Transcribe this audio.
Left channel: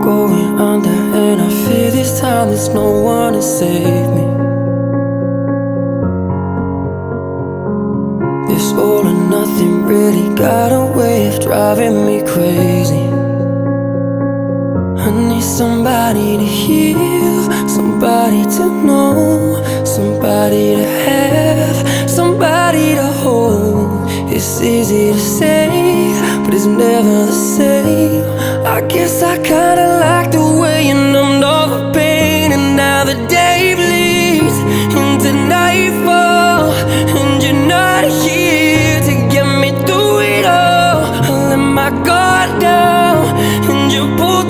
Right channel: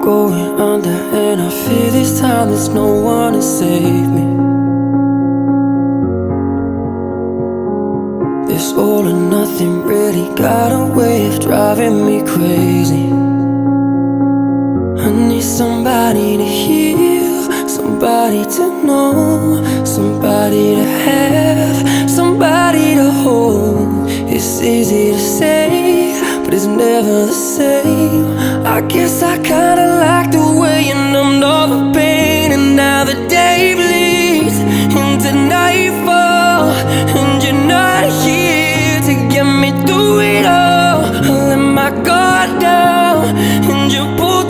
going under, and I fear this time there's no one to save me. This all or nothing really got a way of driving me crazy. I need somebody to heal, somebody to know, somebody to have, somebody to hold. It's easy to say, but it's never the same. I guess I kinda like the way you numbed all the pain, and now the day bleeds into nightfall, and you're not here to get me through it all. I let my guard down, and you pulled